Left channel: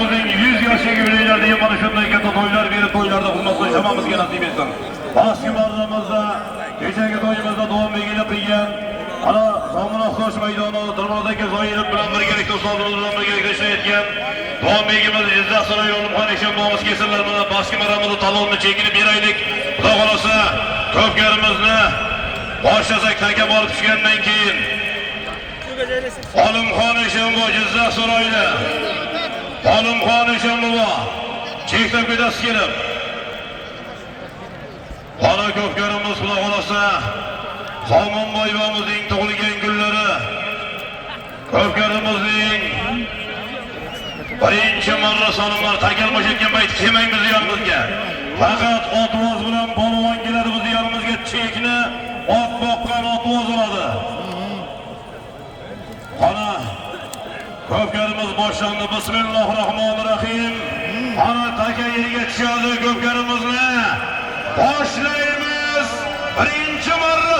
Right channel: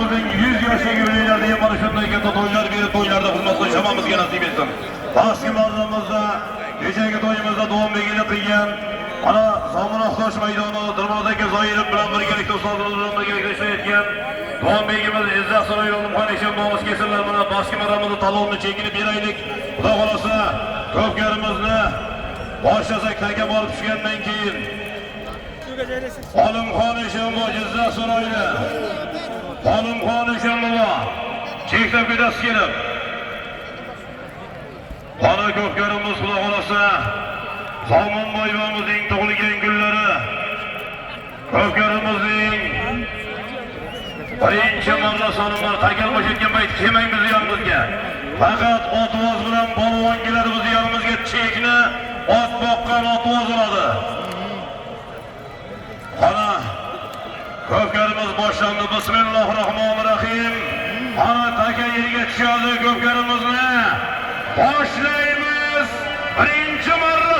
To'yimizning 100 yoshga yo'laylardigan mana shunday katta to'ylar berib, to'ylarda xizmat qilish hammamizga nasib etsin. Pastki marramizda, kechagi to'yimizda davom qilgan ana Zominov Qo'sh maydoni Darvozadagi Zoirov bilan birgalikda ustoz bilan birgalikda ishlayotgan Davomigimiz Izzat Saroy Olimxon Eshonbobosi kesinlar mana pastki marramizda talonni chekini beraylik. Xudo xolasa ko'pkarimizni boshlasak taka borib tushgandan keyin Olimxon Eshonbobosi Izzat Saroyda Olimxon Eshonbobosi chekdan pedasi kelib ana ko'pkarimiz Xudo xolasa Zomonboy bobomizning tug'ilgan kunlari ko'pkarimizning birinchi marra solingan takal bo'shatgan payt kelmaymiz yonimizga. Faqat otvoz bilan polvon keladi biz yonimizga chekni ot boqqan otvoz oladi. Ana ko'pkarimiz boshlandi. Bismillahirrohmanirrohim. Ana taka yerga tushadi ko'pkarimizni. Boshlaymiz. Birinchi marra